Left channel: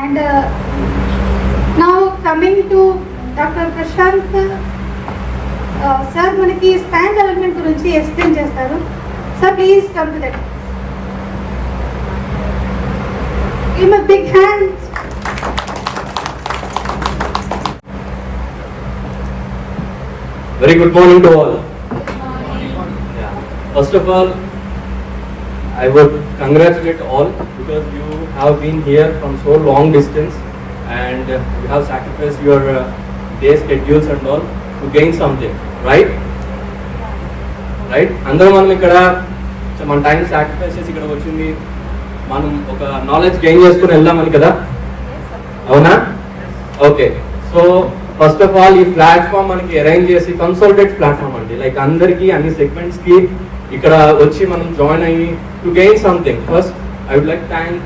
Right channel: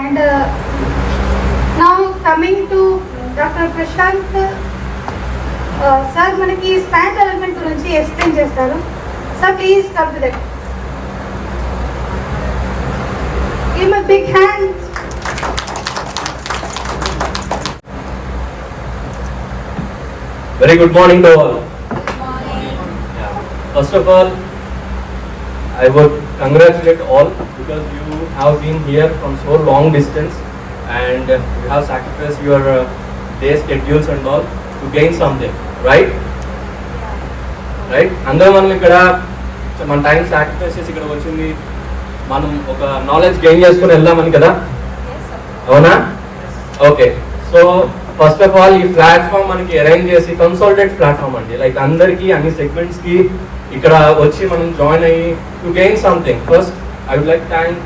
And now coming to Dr. Prashanth, sir manaki span development gurinchi explain chestaru. Sir, please come to that. Give him a big hand. Very good morning to all. Yeah. First of all, I would congratulate all because you have been here from so long distance and you have sacrificed your day schedules and all to gain something, right? Right? అందరం మనం ఇక్కడ మన time sacrifice చేసి ఇక్కడ వచ్చింది మనం ఒక knowledge gain చేసుకుని వెళ్దామని కదా, అవునా? Okay, so first of all ఈ ప్లాట్ఫామ్ మనకి అరేంజ్ చేసి కన్సల్టెడ్ ప్లాట్ఫామ్ అండి, లైక్ అందరికి అన్ని సెగ్మెంట్స్ కి ఇక్కడ వచ్చి మనం జాయిన్ అయ్యి to gain something. First I would like thank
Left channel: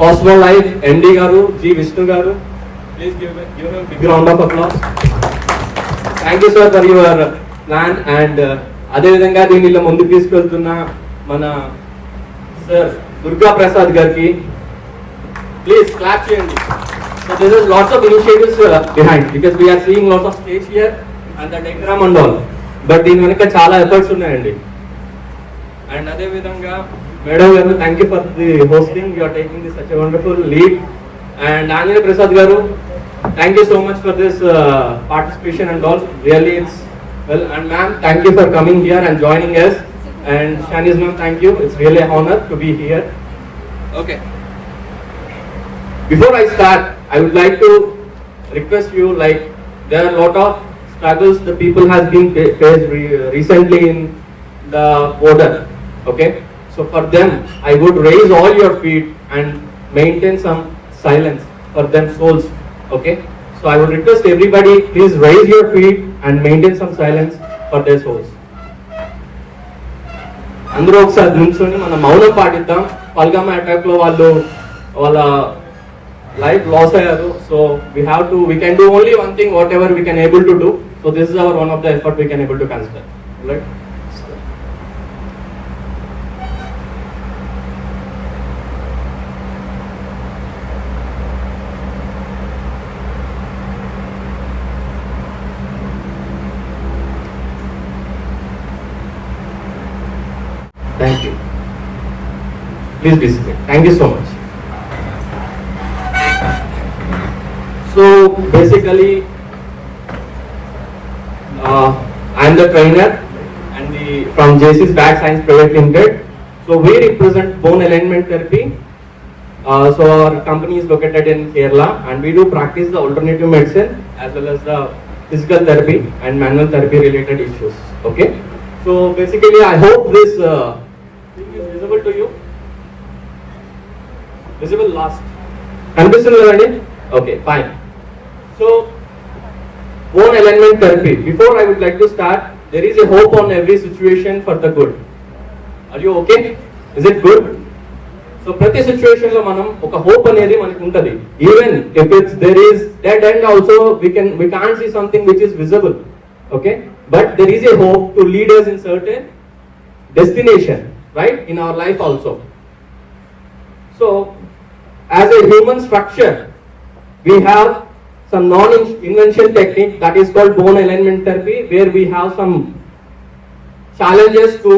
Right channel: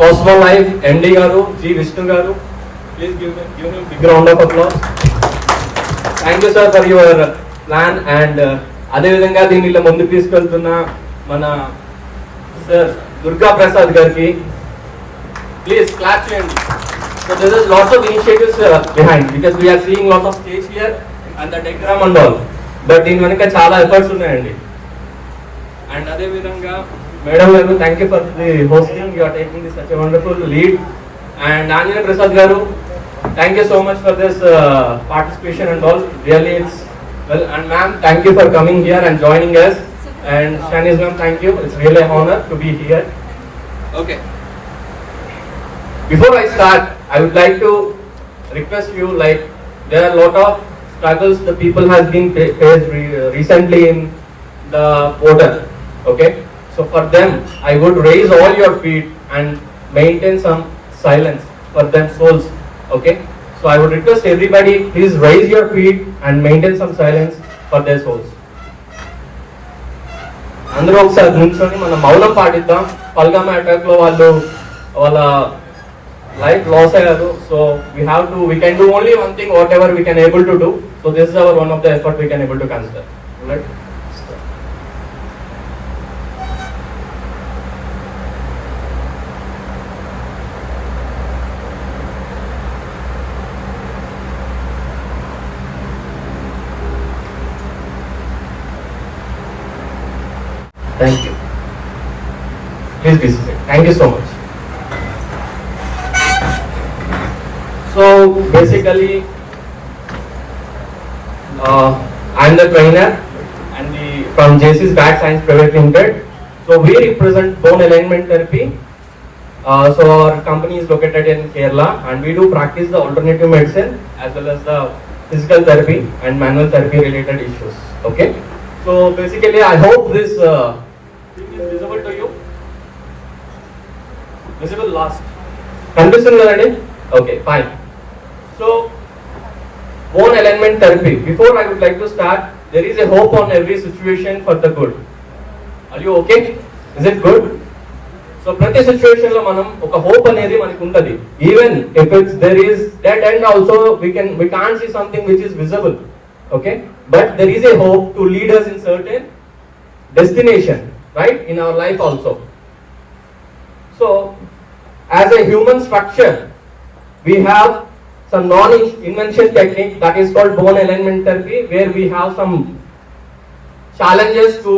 Cosmo life MD గారు, జి విష్ణు గారు. Please give him big round of applause. Thank you sir for your plan. And అదేవిధంగా దీనిలో ముందుకు తీసుకెళ్తున్న మన సార్ దుర్గా ప్రసాద్ గారికి ప్లీజ్ క్లాప్ చేయండి. So there is lots of initiatives behind because we are seeing lots of stage here and the diagram and all. But దీని వెనుక చాలా ఎఫర్ట్స్ ఉన్నాయండి. అండ్ అదే విధంగా మేడం గారు, thank you for the hosting, you are taking this such a wonderful lead. And Anjaneya Prasad గారు, thank you so much for this participation and all, really it's well. And ma'am, thank you for coming here and joining us. And Shanice ma'am, thank you, it's really an honor to be here. Okay, before I start, I would like to request you, like there are a lot of struggles the people has been faced recently in the border. Okay, so for them I would raise all your feet and maintain some silence for them souls. Okay, so I would request everybody, please raise your feet and maintain some silence for their souls. అందరూ ఒకసారి నుంచొని మనం మౌనం పాటిద్దాం. పల్గామ attack లో వాళ్ళ life loss ayadu, so we can do only one thing, whatever we can able to do. So this is our one of the effort we can able to consider. All right, thank you. Please be seated. Thank you so much. So basically, I am the trainer and from JC's Back Science Private Limited. So we represent bone alignment therapy. So our company is located in Kerala and we do practice the alternative medicine as well as the physical therapy and manual therapy related issues. Okay. So basically, I hope this thing is visible to you. Visible last. Condition already? Okay, fine. So, bone alignment therapy. Before I would like to start, there is a hope on every situation for the good. Are you okay? Is it good? So, ప్రతి situation లో మనం ఒక hope అనేది మనకు ఉంటది. Even if there is dead end also, we can't see something which is visible. Okay? But there is a hope to lead us in certain destination, right? In our life also. So, as a human structure, we have some non-invention technique that is called bone alignment therapy, where we have some challenges to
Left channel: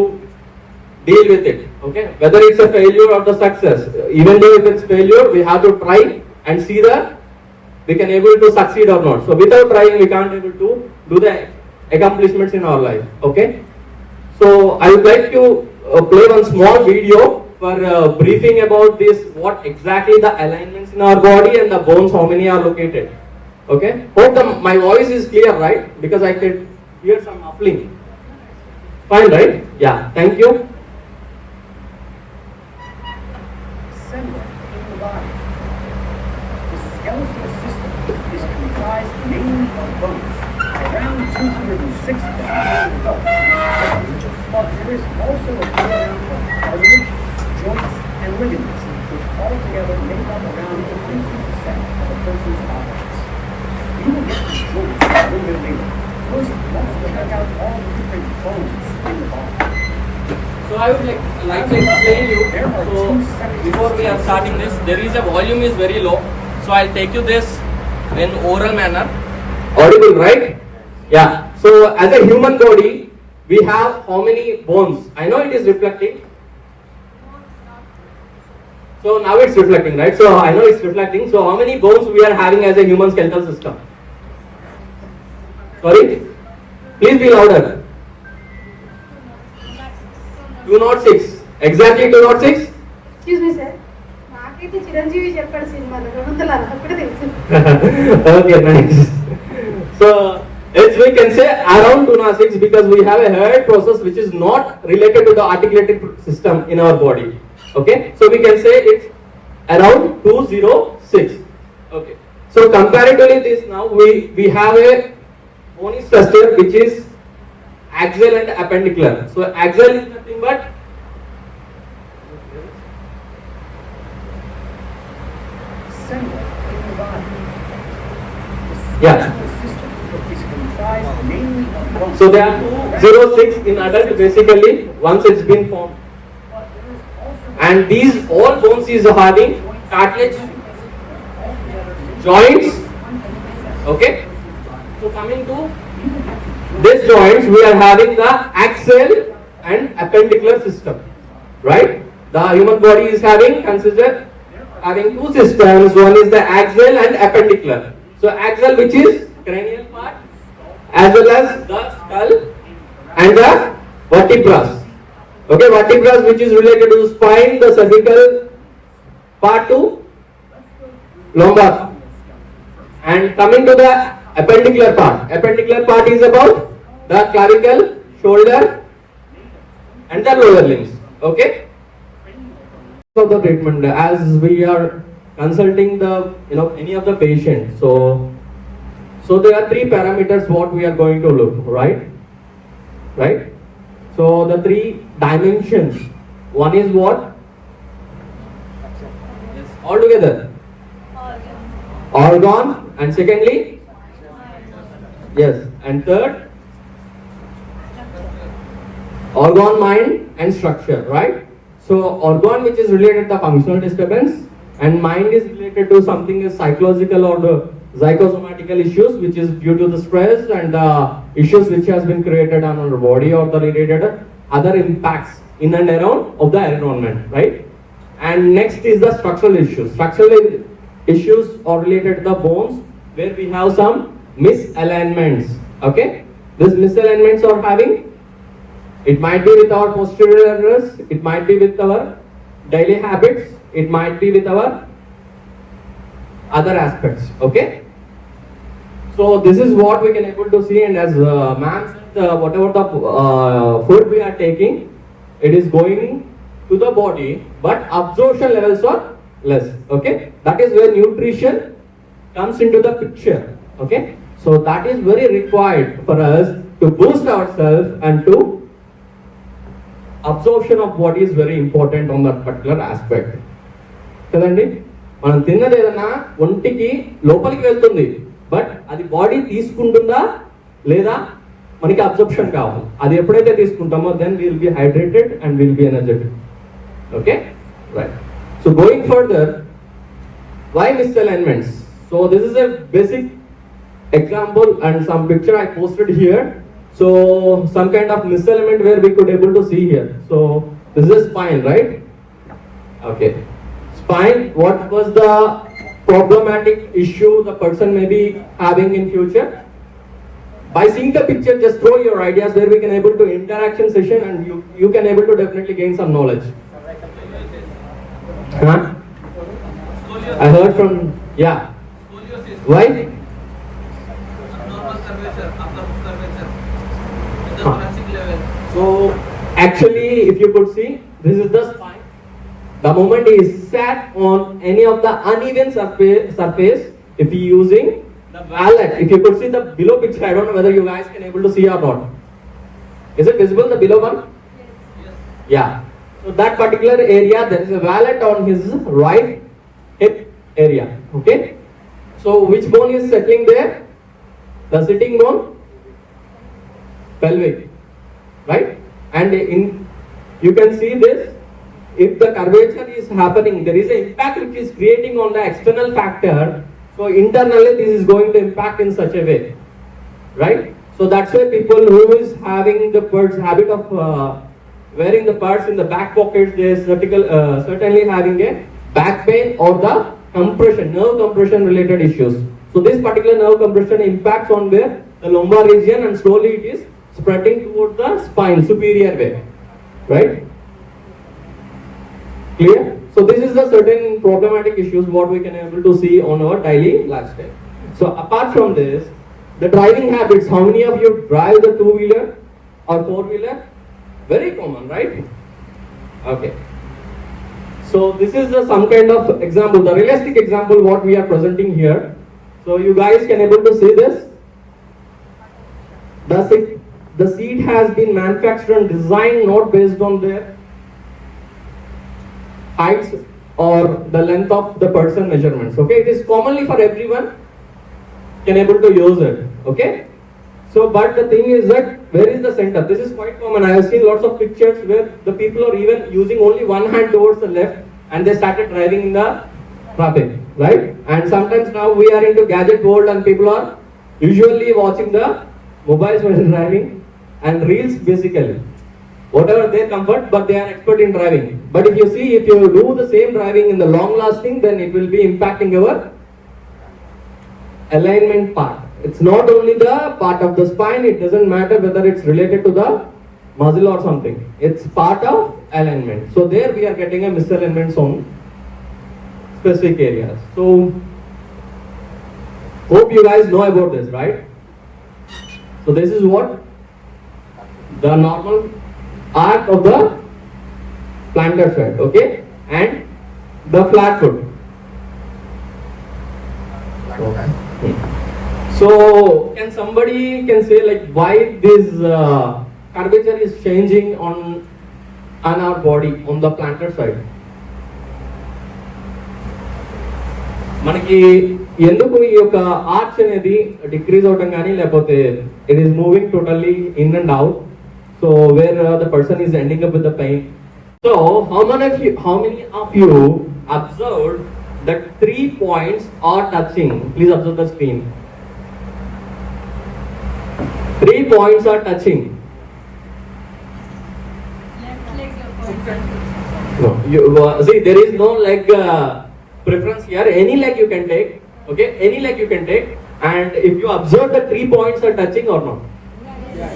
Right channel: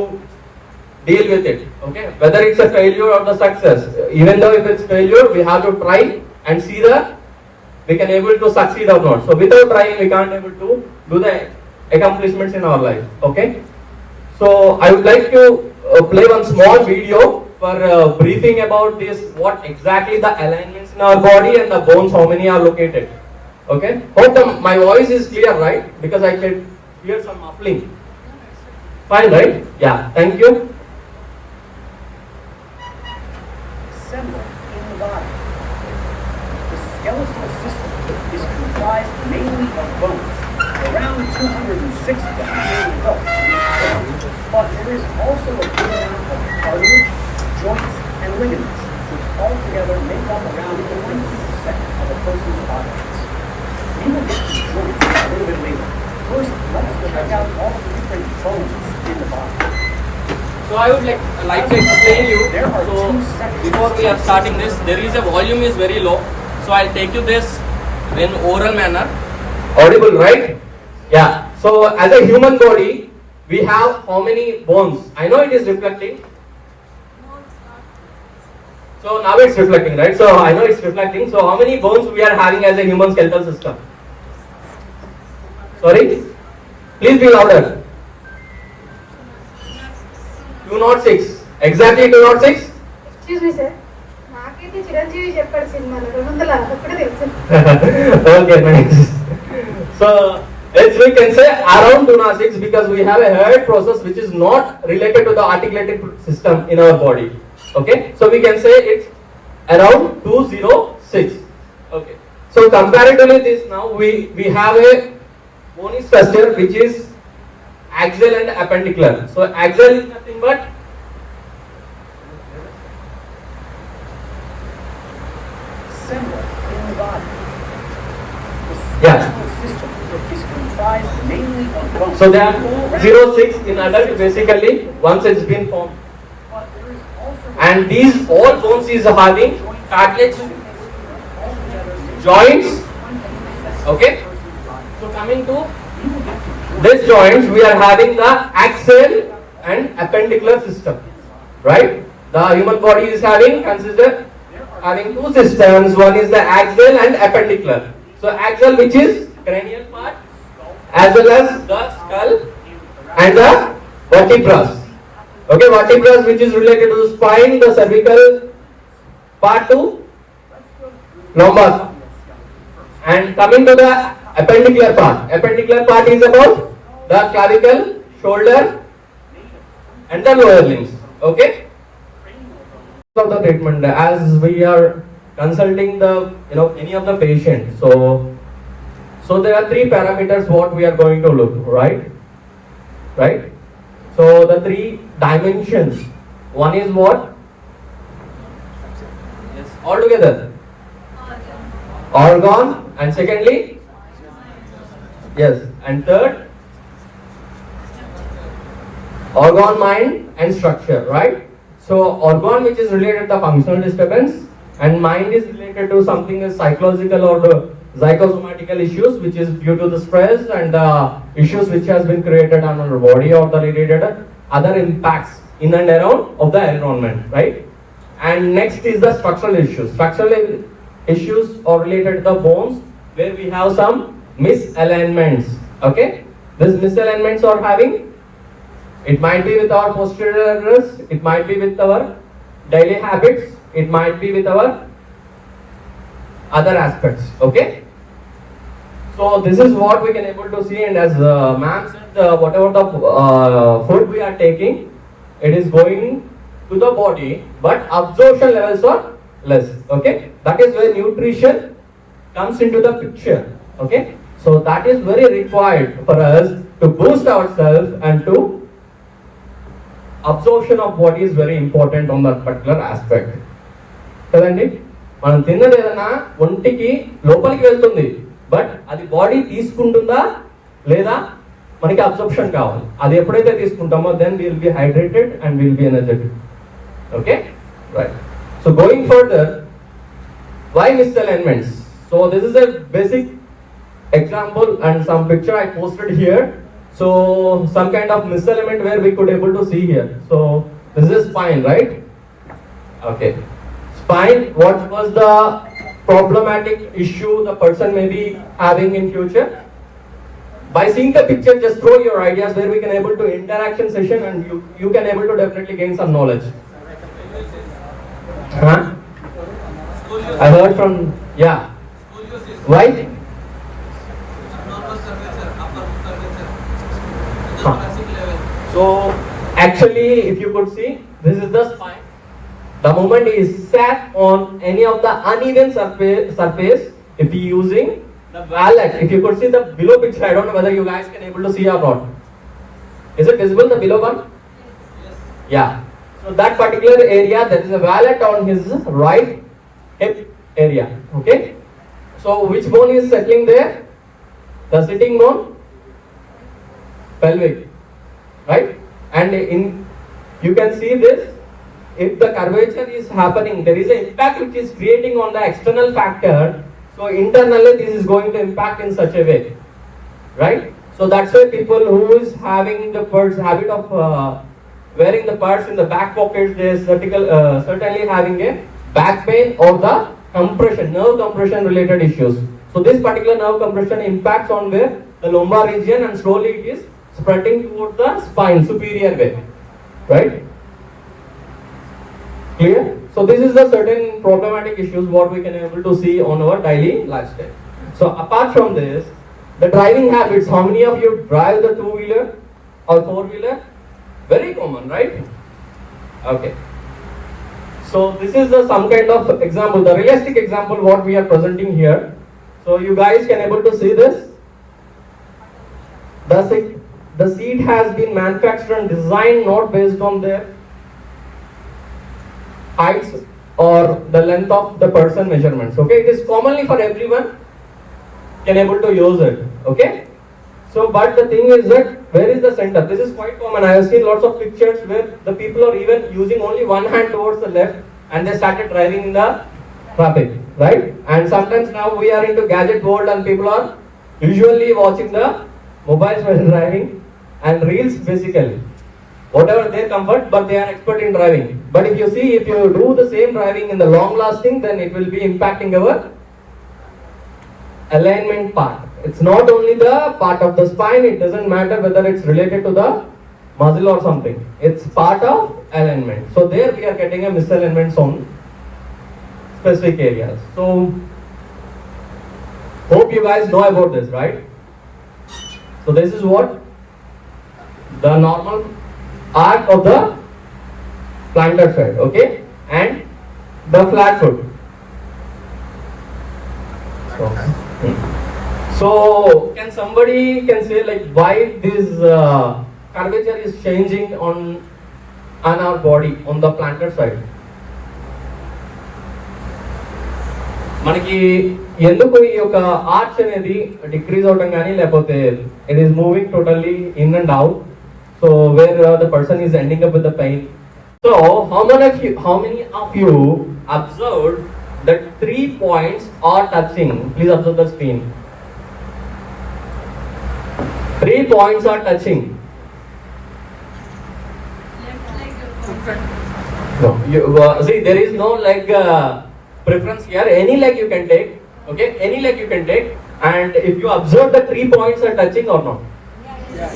deal with it. Okay, whether it's a failure or the success, even though if it's failure, we have to try and see that we can able to succeed or not. So without trying, we can't able to do the accomplishments in our life. Okay, so I would like to play one small video for briefing about this, what exactly the alignments in our body and the bones, how many are located. Okay, hope my voice is clear, right? Because I can hear some muffling. Fine, right? Yeah, thank you. Assemble in the body. The skeletal system is comprised mainly of bones, around 206 bones. But there is also a good amount of cartilage, joints, and ligaments, which altogether make up around 20% of a person's body. We will get to joints a little bit later. First, let's check out all the different bones in the body. So I would like to explain you. So before we are starting this, there is a volume is very low. So I'll take you this in oral manner. Audible, right? Yeah. So as a human body, we have how many bones? I know it is reflecting. So now it's reflecting, right? So I know it's reflecting. So how many bones we are having as a human skeletal system? Sorry? Please be louder. 206. Exactly 206? Excuse me, sir. నాకైతే చిరంజీవి చెప్పాడు సినిమాలో 200 ఒకటే తెలుసు. Okay, nice. So as we can say around 206 because we have a head process which is not related to the articulated system in our body. Okay, so we can say it's around 206. Okay, so comparatively this now we have a bony structure which is axial and appendicular. So axial is nothing but Symbol in the body. The Yeah. skeletal system is comprised mainly of bones. so there are 206 in adult basically once it's been formed. But there is also And these all bones is having cartilage joints. Okay, so coming to this joints we are having the axial and appendicular system, right? The human body is having two systems. One is the axial and appendicular. So axial, which is cranial part, as well as the skull and the vertebrae. Okay, vertebrae which is related to the spine, the cervical part to lumbar. And coming to the appendicular part is about the clavicle, shoulder, and the lower limbs. Okay. Of the treatment, as we are consulting the any of the patients, so there are three parameters what we are going to look, right? So the three dimensions. One is what? Yes, all together. Organ, and secondly, yes, and third, organ, mind, and structure, right? So organ which is related to the functional disturbance, and mind is related to something as psychological or the psychosomatical issues which is due to the stress and the issues which has been created on our body or the related other impacts in and around of the environment, right? And next is the structural issues. Structural issues are related to the bones where we have some misalignments. Okay, these misalignments are having, it might be with our posterior errors, it might be with our daily habits, it might be with our other aspects. Okay, so this is what we can able to see, and as ma'am said, whatever the food we are taking, it is going to the body, but absorption levels are less. Okay, that is where nutrition comes into the picture. Okay, so that is very required for us to boost ourselves, and to absorption of body is very important on that particular aspect. కదండి, మనం తిన్నది ఏదైనా ఒంటికి లోపలికి వెళ్తుంది, but అది body తీసుకుంటుందా లేదా మనకి అబ్జర్ప్షన్ కావాలి. అది ఎప్పుడైతే తీసుకుంటామో then will be hydrated and will be energetic. Okay, right. So going further, why misalignments? So this is a basic example and some picture I posted here. So some kind of misalignment where we could able to see here. So this is spine, right? Okay, spine. What was the problematic issue the person may be having in future? By seeing the picture, just throw your ideas where we can able to interaction session, and you can able to definitely gain some knowledge. Huh? I heard from, yeah. Why? Abnormal curvature, upper curvature, at the Huh. thoracic level. So actually, if you could see, this is the spine. The moment he is sat on any of the uneven surface, if he using the wallet, if you could see the below picture, I don't know whether you guys can able to see or not. Is it visible, the below one? Yes. Yeah. So that particular area, there is a wallet on his right hip area. Okay. So which bone is settling there? The sitting bone, pelvic, right? And in you can see this if the curvature is happening, there is an impact which is creating on the external factor. So internally, this is going to impact in such a way, right? So that's why people who is having the habit of wearing the purse in the back pockets, they are certainly having a back pain or the compression, nerve compression related issues. So this particular nerve compression impacts on the lumbar region, and slowly it is spreading towards the spine, superior way, right? Clear? So this is the certain problematic issues what we can able to see on our daily lifestyle. So apart from this, the driving habits, how many of you drive the two-wheeler or four-wheeler? Very common, right? Okay. So this is some kind of example, the realistic example what we are presenting here. So you guys can able to see this. The seat has been manufactured and designed not based on their heights or the length of the person measurements. Okay, it is commonly for everyone can able to use it. Okay. So, but the thing is that where is the center? This is quite common. I have seen lots of pictures where the people are even using only one hand towards the left and they started driving in the traffic, right? And sometimes now we are into gadget world and people are usually watching the mobiles while driving and reels basically. Whatever their comfort, but they are expert in driving. But if you see, if you do the same driving in the long lasting, then it will be impacting our alignment part. It's not only the part of the spine, it doesn't matter whether it's related to the muscle or something. It's part of alignment. So there we are getting a misalignment on specific areas. So hope you guys know about this, right? So this is what the normal arc of the plantar side, okay, and the flat foot. So can somebody can say like why this curvature is changing on our body on the plantar side? మనకి ఎందుకు ఈ యొక్క arch అనేది decrease అవడం కానీ లేకపోతే it is moving totally in and out, so where the person is ending up with the pain. So how many of you observed that 3 points are touching? Please observe the screen. 3 points are touching. No, you see there is no leg preference here. Any leg you can take, okay, any leg you can take. And if you observe the 3 points are touching or not? Yes.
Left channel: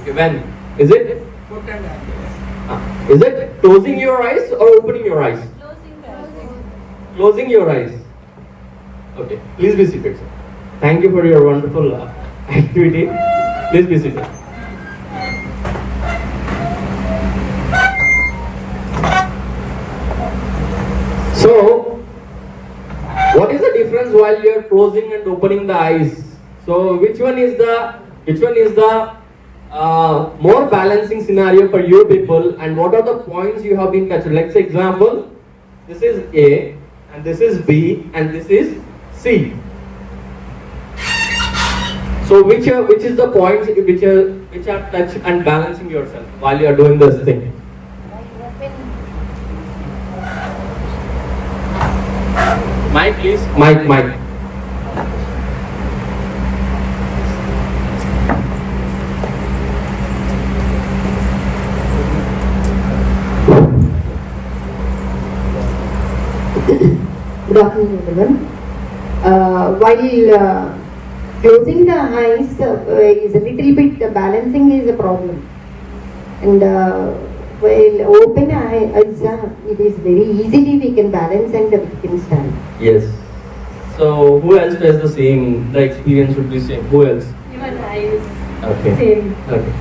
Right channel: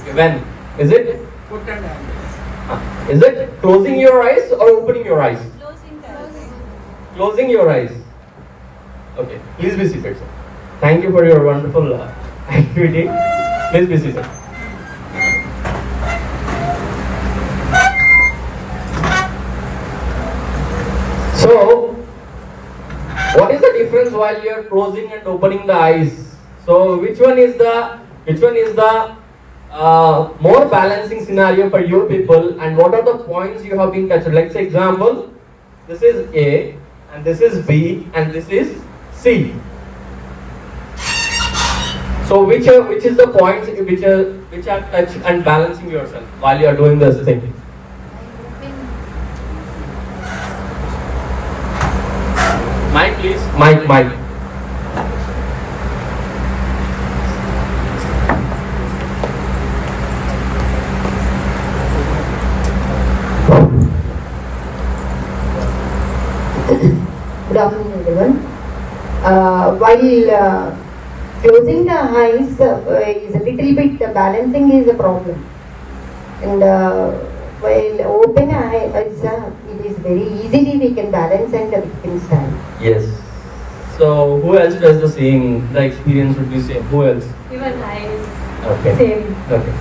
Okay, when is it? Is it closing your eyes or opening your eyes? Closing your eyes. Okay, please be seated, sir. Thank you for your wonderful activity. Please be seated. So what is the difference while you are closing and opening the eyes? So which one is the more balancing scenario for you people, and what are the points you have been touched? Let's say example, this is A and this is B and this is C. So which is the points which are touch and balancing yourself while you are doing this thing? Mic please, mic. Good afternoon, everyone. While closing the eyes is a little bit balancing is a problem, and while open eyes it is very easily we can balance and we can stand. Yes. So who else has the same? The experience would be same. Who else? Even eyes. Okay. Same. Okay.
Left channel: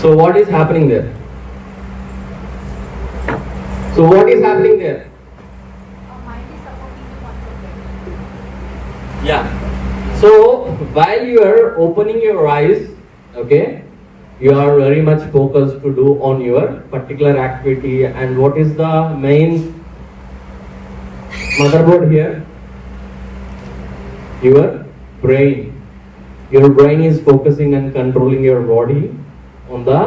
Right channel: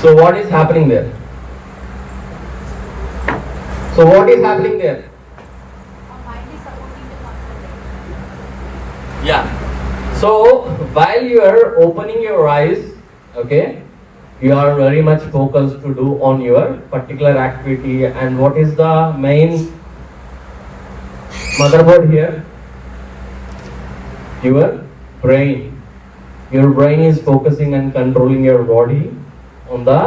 So what is happening there? So what is happening there? Yeah. So while you are opening your eyes, okay, you are very much focused to do on your particular activity. And what is the main motherboard here? Your brain. Your brain is focusing and controlling your body on the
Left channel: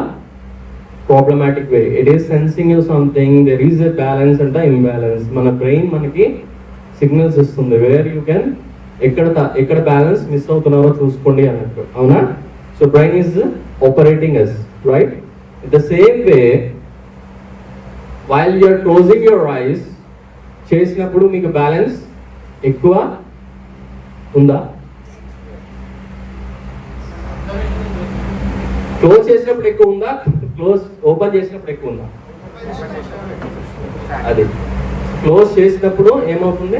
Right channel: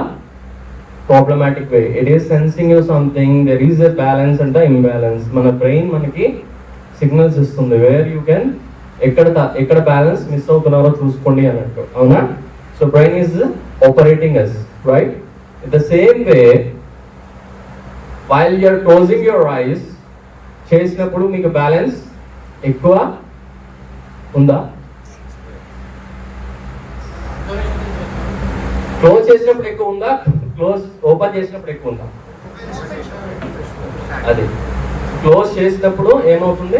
problematic way. It is sensing you something, there is a balance and the imbalance. Mana brain manaki signals istundi where you can ekkada balance miss avutunnaro chuskondi anattu avuna. So brain is operating us, right? In the same way, while you are closing your eyes చేసినప్పుడు మీకు balance ఎక్కువ ఉందా? Close చేసినప్పుడు ఎక్కువ ఉందా, close open చేసినప్పుడు ఎక్కువ ఉందా? అది క్లోజ్ చేసినప్పుడు ఏమవుతుంది?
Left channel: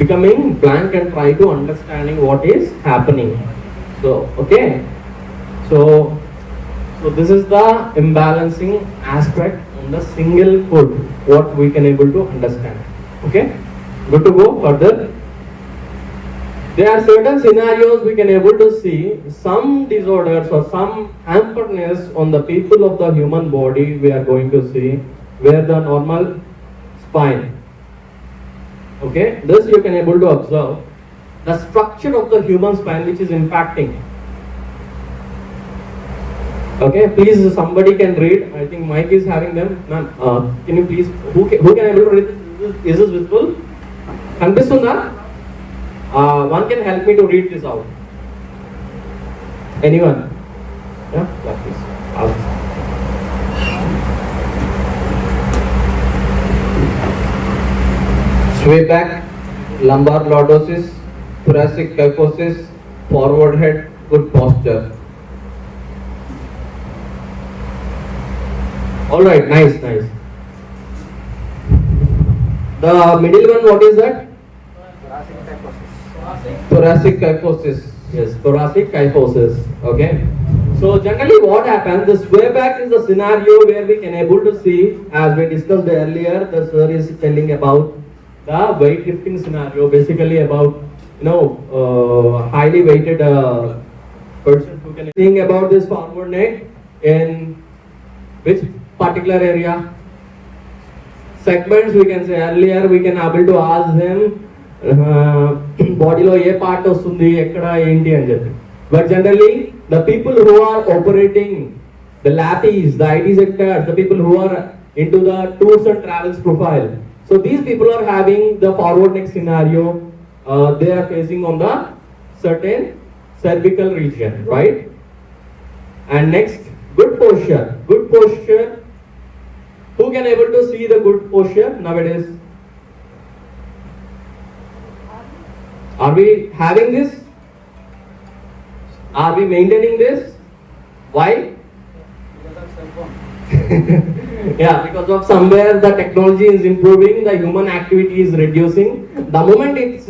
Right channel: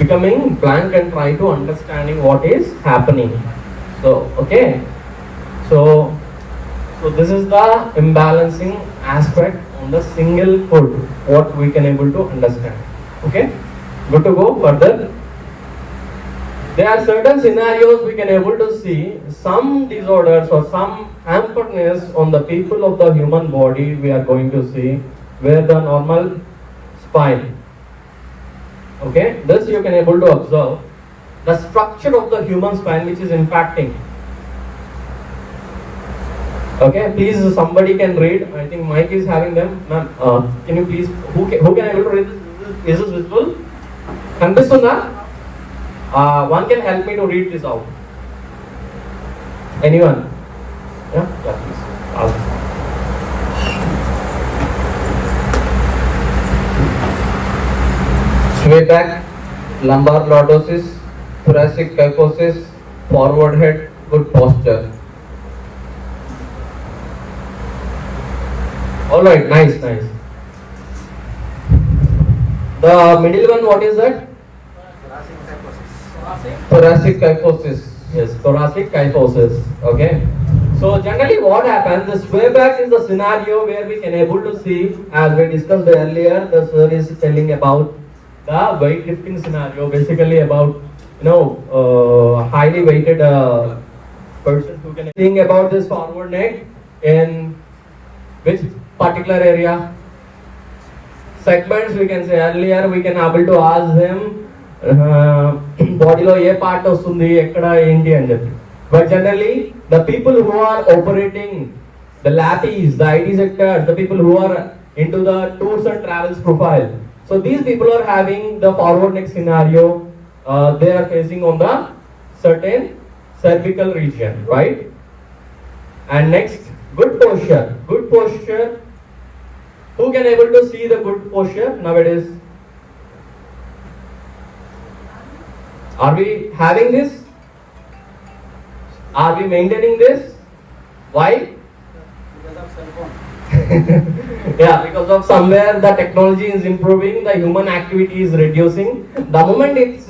Becoming blank and try to understanding what is happening. So okay, so this is the imbalancing aspect on the single food what we can able to understand. Okay, good to go further. There are certain scenarios we can able to see some disorders or some hamperness on the people of the human body. We are going to see where the normal spine. Okay, this you can able to observe the structure of the human spine which is impacting. Okay, please somebody can read. I think Mike is having them. Ma'am, can you please, who can able to read this? Is this visible? Kandistunda? One can help me to read this out. Anyone? Yeah, please. Sway back, lumbar lordosis, thoracic kyphosis, forward head, good posture. All right, nice. The middle one, what is that? Thoracic kyphosis. Yes, thoracic kyphosis. Okay. So generally what happens, the sway back is the scenario where we can able to see, as we discussed earlier, the sir is telling about the weightlifting scenario, basically about, highly weighted person who can think about this forward neck in which particular area. Segments we can say earlier, we can able to ask them బాడీలో ఏ part వస్తుంది, ఎక్కడ ఏంటి అని చెప్పి. But generally the people who are operating the lappies, the IT sectors, the people who are into the tours and travels profile, so these people are having the forward neck scenario. They are facing on the certain cervical region, right? And next, good posture. Who can able to see the good posture nowadays? Are we having this? Are we maintaining this? Why? Yeah, because of somewhere the technology is improving, the human activity is reducing. The moment it's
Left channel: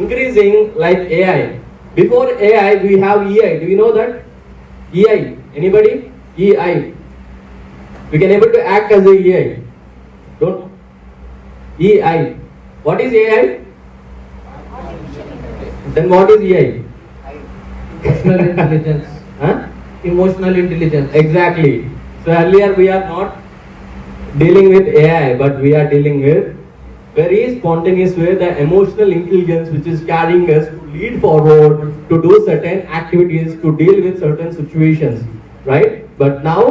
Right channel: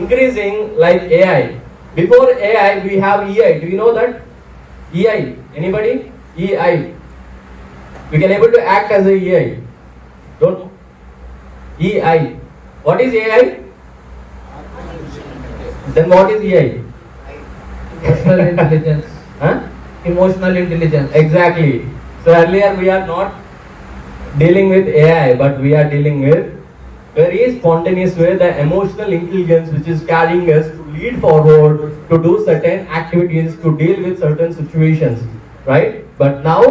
increasing, like AI. Before AI, we have EI. Do you know that? EI. Anybody? EI. We can able to act as a EI. Don't know? EI. What is AI? Then what is EI? Emotional intelligence. Huh? Emotional intelligence. Exactly. So earlier we are not dealing with AI, but we are dealing with very spontaneous way, the emotional intelligence which is carrying us to lead forward, to do certain activities, to deal with certain situations, right? But now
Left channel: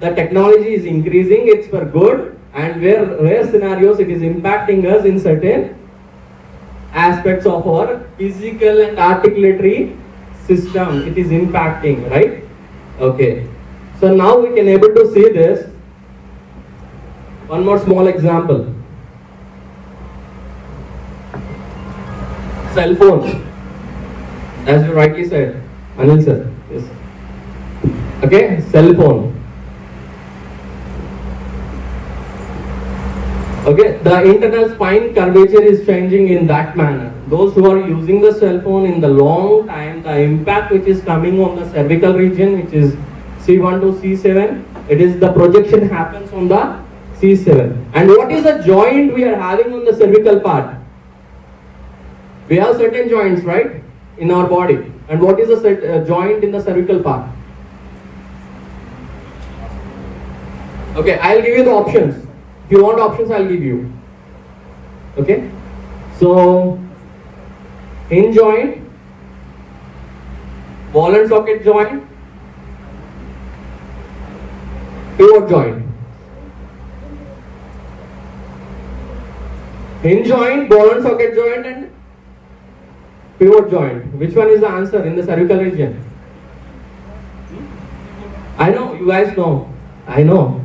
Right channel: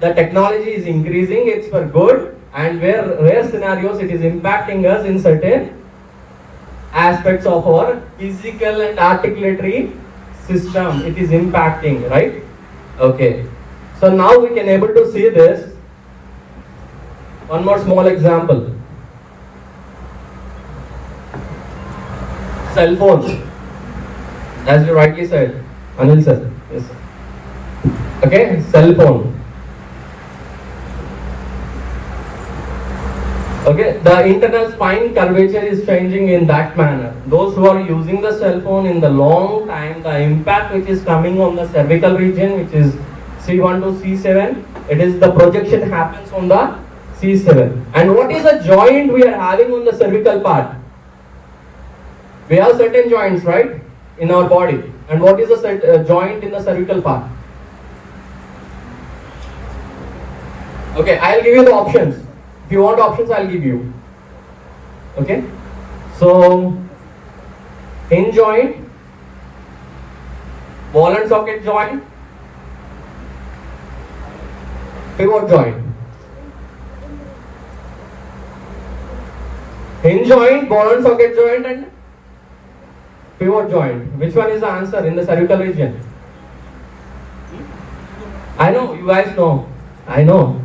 the technology is increasing, it's for good, and where rare scenarios it is impacting us in certain aspects of our physical and articulatory system. It is impacting, right? Okay. So now we can able to see this. One more small example. Cell phones. As you rightly said, Anil sir. Yes. Okay, cell phone. Okay, the internal spine curvature is changing in that manner. Those who are using the cell phone in the long time, the impact which is coming on the cervical region, which is C1 to C7, it is the projection happens on the C7. And what is the joint we are having on the cervical part? We have certain joints, right, in our body. And what is the joint in the cervical part? Okay, I'll give you the options. If you want options, I'll give you. Okay, so hinge joint, ball and socket joint, Pivot joint. Hinge joint, ball and socket joint, and pivot joint. Which one is the answer in the cervical region? I know, you guys know. I know.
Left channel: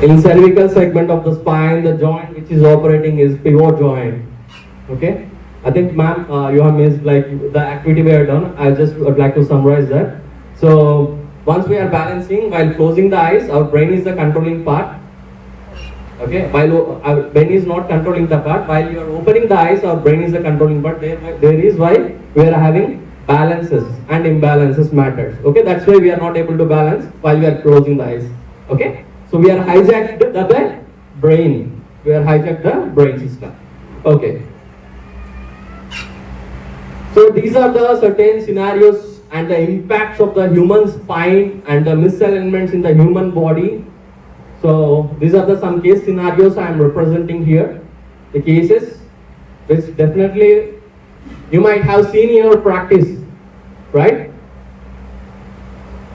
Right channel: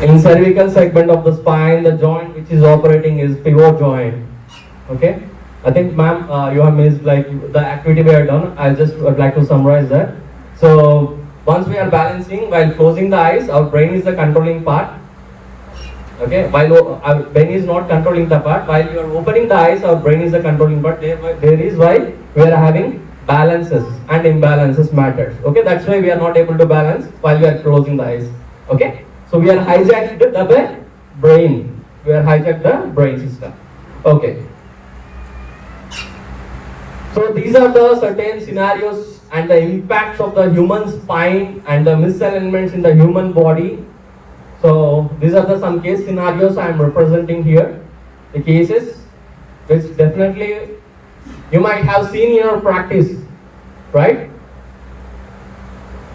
In cervical segment of the spine, the joint which is operating is pivot joint. Okay? I think, ma'am, you have missed like the activity we have done. I just would like to summarize that. So, once we are balancing, while closing the eyes, our brain is the controlling part. Okay? While our brain is not controlling the part, while you are opening the eyes, our brain is the controlling part. There is why we are having balances and imbalances matters. Okay? That's why we are not able to balance while we are closing the eyes. Okay? So we are hijacked the brain. We are hijacked the brain system. Okay. So these are the certain scenarios and the impacts of the human spine and the misalignments in the human body. So these are the some case scenarios I am representing here. The cases which definitely you might have seen in your practice, right?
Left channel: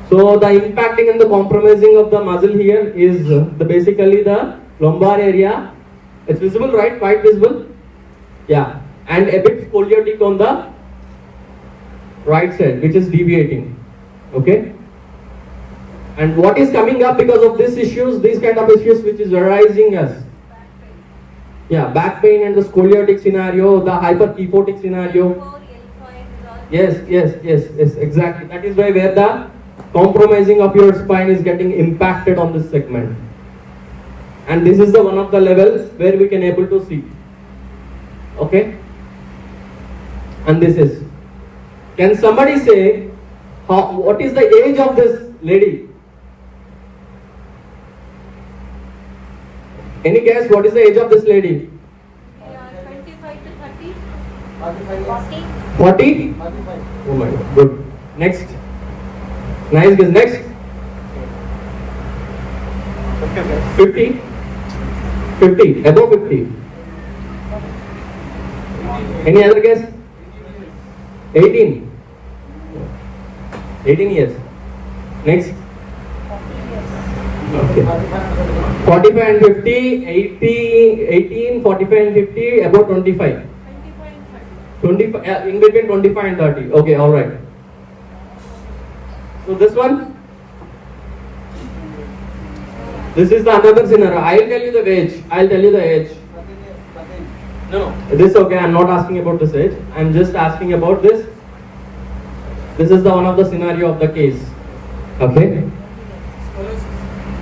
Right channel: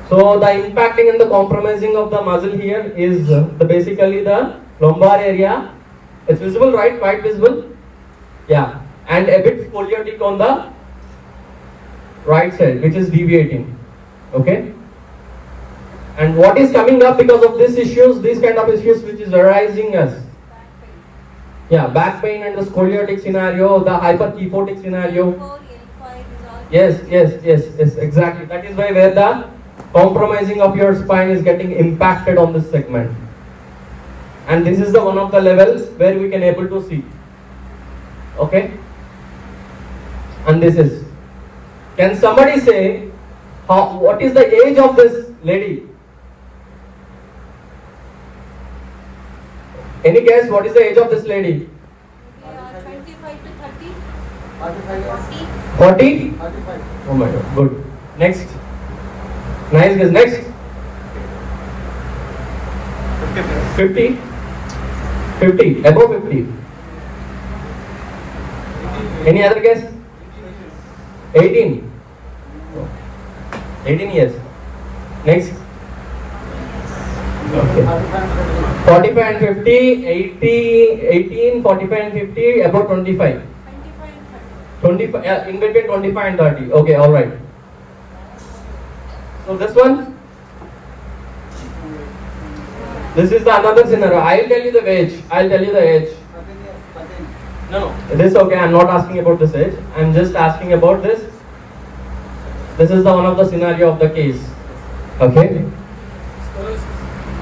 So the impacting and the compromising of the muscle here is basically the lumbar area. It's visible, right? Quite visible. Yeah, and a bit scoliotic on the right side, which is deviating. Okay. And what is coming up because of these issues, these kind of issues which is arising as, yeah, back pain and the scoliotic scenario, the hyperkyphotic scenario. Yes, exactly. That is where the compromising of your spine is getting impacted on this segment. And this is the one of the levels where we can able to see. Okay. And this is. Can somebody say what is the age of this lady? Any guess what is the age of this lady? 25 to 30. 40? Oh my god, good. Next. Nice guess. Next. 50? 50, above 50. Any other guess? 18. 18 years. Next. Okay. 45 and 50, 18, 45 and 50, about 25. 25, yeah, in between 25 and 30. Okay, alright. So this one. This is the another scenario. I'll tell you the age. I'll tell you the age. No, this okay. I'm not asking about this age. I'm just asking about this. This is the one of the scenario of the case. Okay.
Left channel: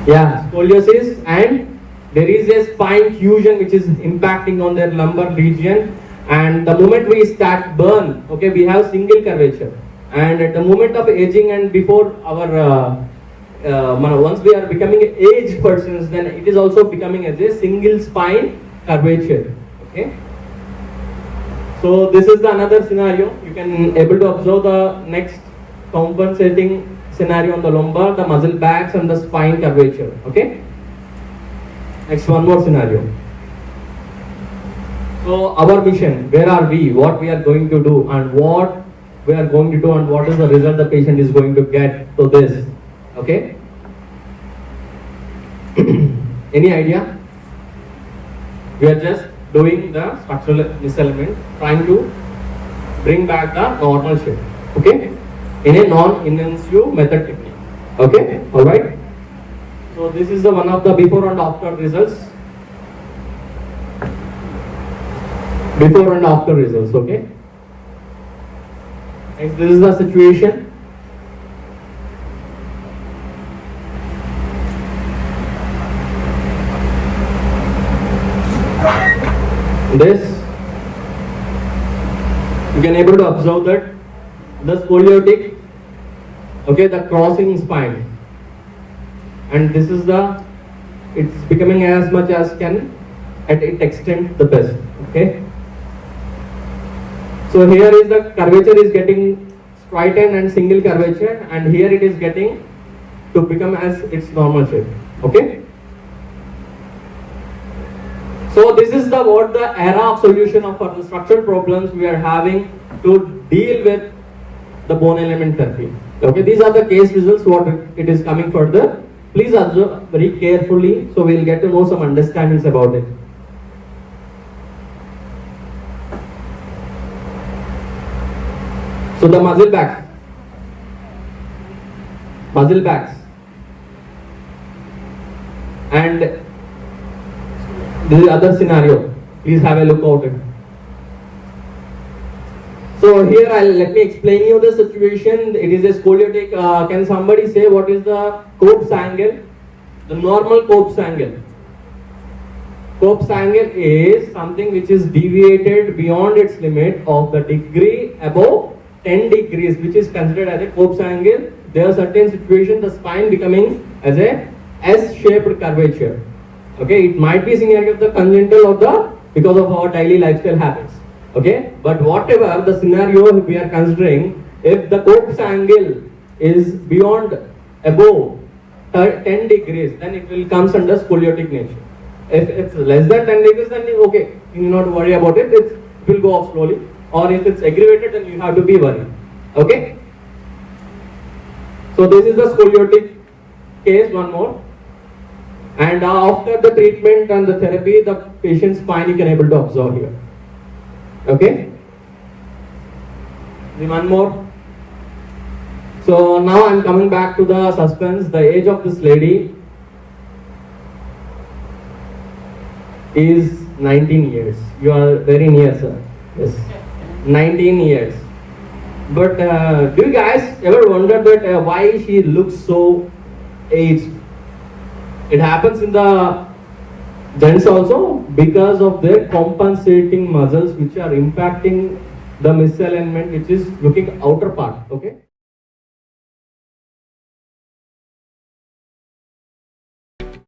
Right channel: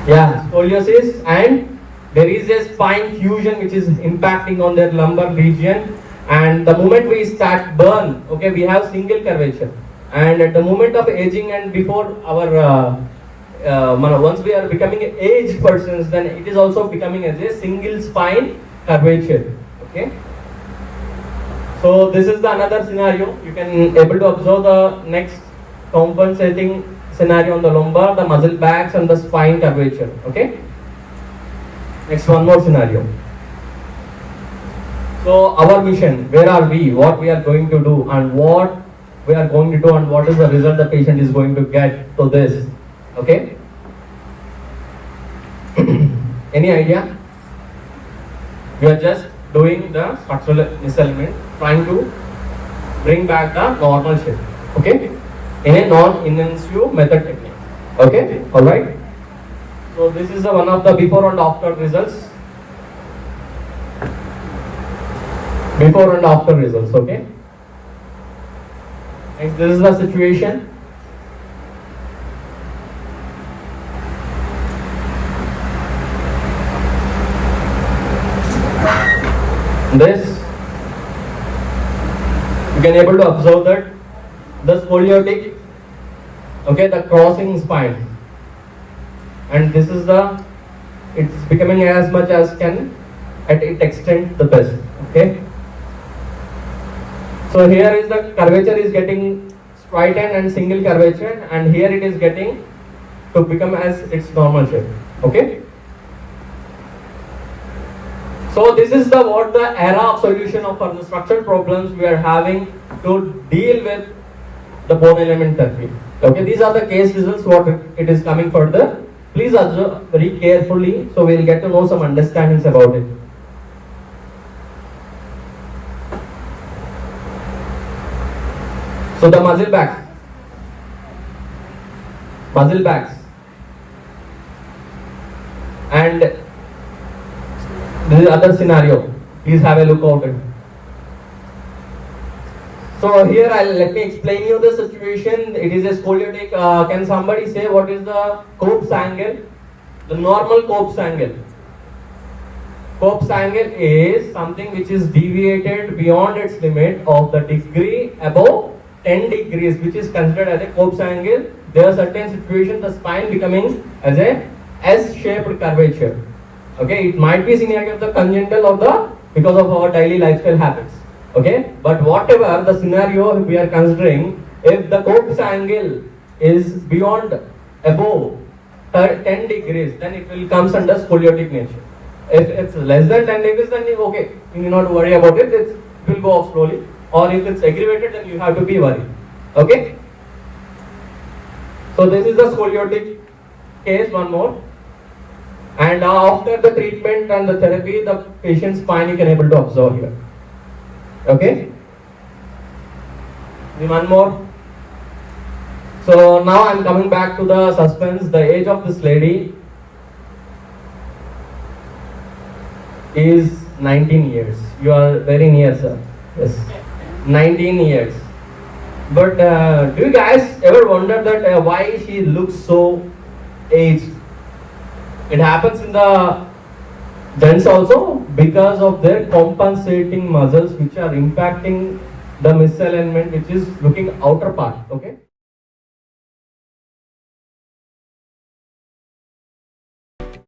Yeah, scoliosis, and there is a spine fusion which is impacting on their lumbar region. And the moment we start burn, okay, we have single curvature. And at the moment of aging and before our once we are becoming aged persons, then it is also becoming as a single spine curvature. Okay. So this is the another scenario. You can able to observe the next compensating scenario on the lumbar, the muscle backs and the spine curvature. Okay. Next, one more scenario. So our mission, where are we, what we are going to do, and what we are going to do, and what is the result the patient is going to get to this. Okay. Any idea? We are just doing the structural misalignment, trying to bring back the normal shape. Okay. In a non-in-situ method technique. Okay. All right. So this is the one of the before and after results. Before and after results. Okay. Next, this is the situation. This, you can able to observe that the scoliotic, okay, the crossing spine, and this is the, it's becoming as much as can at its extent the best. Okay. So here is the curvature is getting straightened and single curvature, and here it is getting to become as its normal shape. Okay. So this is the what the era of solution of for the structural problems we are having to deal with the bone alignment therapy. Okay, these are the case results what it is coming further. Please observe very carefully so we'll get to know some understandings about it. So the muscle backs. And this is other scenario. Please have a look out at it. So here let me explain you the situation. It is a scoliotic. Can somebody say what is the Cope's angle? The normal Cope's angle. Cope's angle is something which is deviated beyond its limit of the degree above 10 degrees, which is considered as a Cope's angle. There are certain situations the spine becoming as a S-shaped curvature. Okay, it might be scenario of the congenital of the because of our daily lifestyle habits. Okay, but whatever the scenario we are considering, if the Cope's angle is beyond above 10 degrees, then it will comes under scoliotic nature. If it's less than 10 degrees, then okay, you need not worry about it. It will go off slowly. Or if it's aggravated, then you have to be worried. Okay. So this is the scoliotic case. One more. And after the treatment and the therapy, the patient's spine you can able to observe here. Okay. One more. So now I'm coming back to the suspense. The age of this lady is 19 years. You are very near, sir. Yes, 19 years. But do you guys ever wonder that why she looks so aged? It happens in the gents also because of their compensating muscles which are impacting the misalignment which is looking outer part. Okay.